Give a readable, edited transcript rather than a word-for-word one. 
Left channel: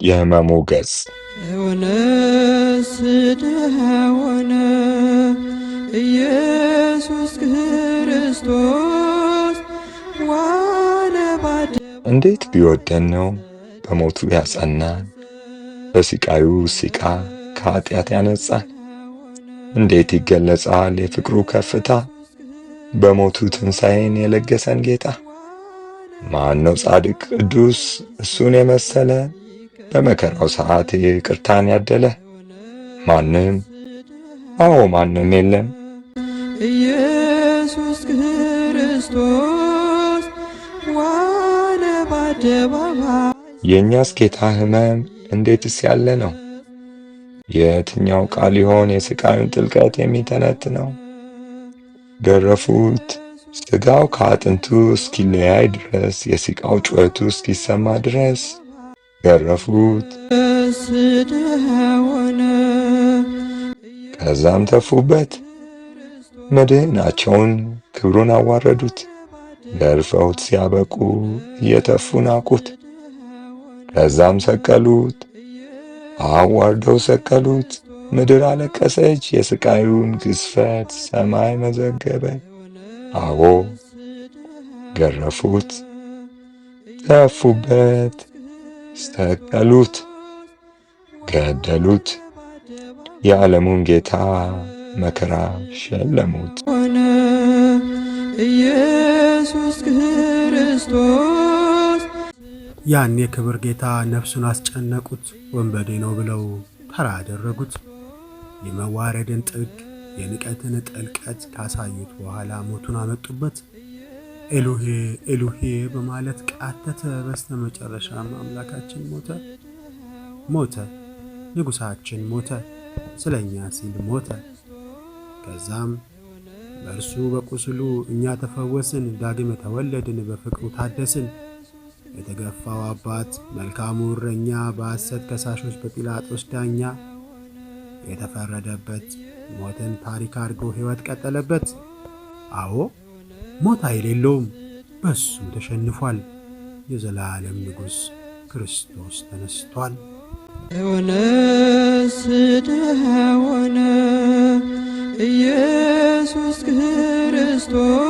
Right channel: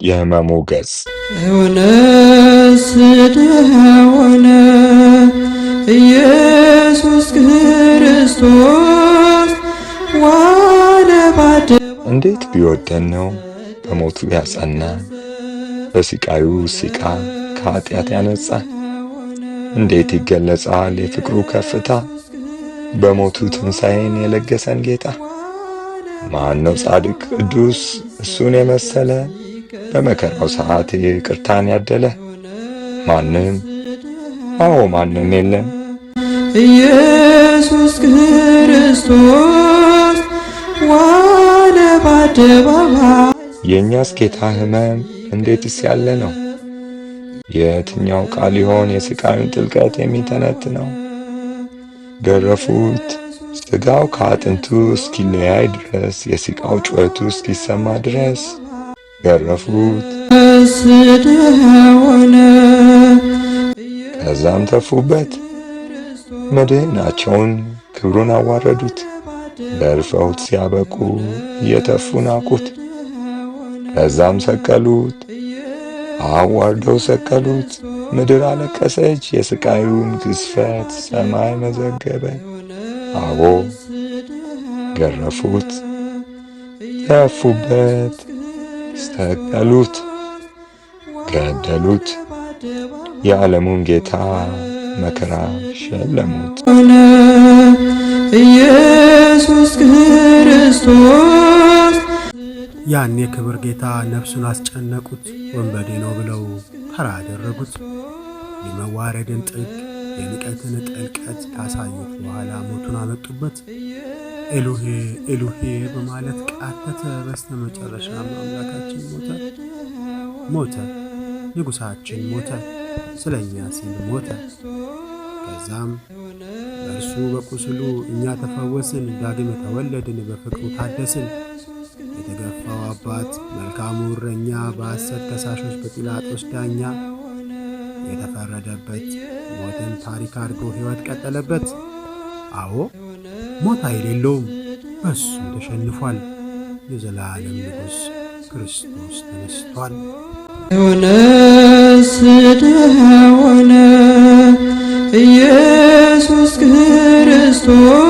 የሕመሙ ገጽ ሆነ ኢየሱስ ክርስቶስ ዋለ እንዴት ቢወደን ነው በሞቱ ያጸናን፣ በስቃዩ ሲቃ ከኃጢአት ያነጻን። እንዴት ይገለጻል የፍቅሩ ከፍታ፣ በሞቱ ትንሣኤን የለገሰን ጌታ። ማን ነው ጻድቅ ቅዱስ እሱን የመሰለ፣ በመከራው ሰዓት ይቅርታን ያደለ? ማንም ማንም የለም። ኢየሱስ ክርስቶስ ዋለ በአደባባይ። የእኛስ ጌታ ሕመም እንዴትስ ያለ ነው! የትኛው ቃል ይሆን የሥቃዩን ጥልቀት የሚተነትነው? ገረፉት ሥጋው ከአጥንቱ እስኪለያይ ድረስ፣ የሲቃው ጩኸቱ እስኪሰማ ድረስ ገረፉት። ከዛም ተፉበት፣ መድህናቸውን ክብሩን አዋረዱት። ገርፈውት ሲያበቁ እየተፉ ናቁት። ከዛም ሰቀሉት፣ አዋርደው ሰቀሉት። ምድር አለቀሰች፣ የሥቃዩን ግዝፈት ሰማይ መዘገበ። አዎ ገረፉት፣ ተፉበት፣ ሰቀሉት፣ ገደሉት። የዓለሙን ጌታ መከራ ሸለሙት። ኢየሱስ ክርስቶስ ያን የክብር ጌታ ነፍሱን አስጨነቁት። ወንበዴ ነው ብለው ተራ አደረጉት። የመዋረድን ጥግ የንቀትን ጥልቀት ካሳዩት በኋላ ሞቱን አመጡበት። ኤሉሄ ኤሉሄ በማለት ቃተተ። በስተመጨረሻም አምላካችን ሞተ፣ ንጉሣችን ሞተ፣ ስለኛ ሲል ሞተ። ከዛም በእርሱ በቁስሉ እኛ ተፈወስን፣ ዳግም ተወለድን፣ በፍቅሩ ታደስን። የተገፋው አባት መልካሙ እረኛ፣ በሐሰት ከሳሾች በጲላጦስ ዳኛ የተፈረደበት ሞትን ታሪክ አድርጎ ሕይወት ቀጠለበት። አዎ ሞት የሌለውም በሱም ተሸንፏል። የዘላለም ንጉሥ ክርስቶስ ተነስቷል። ሆነ ኢየሱስ ክርስቶስ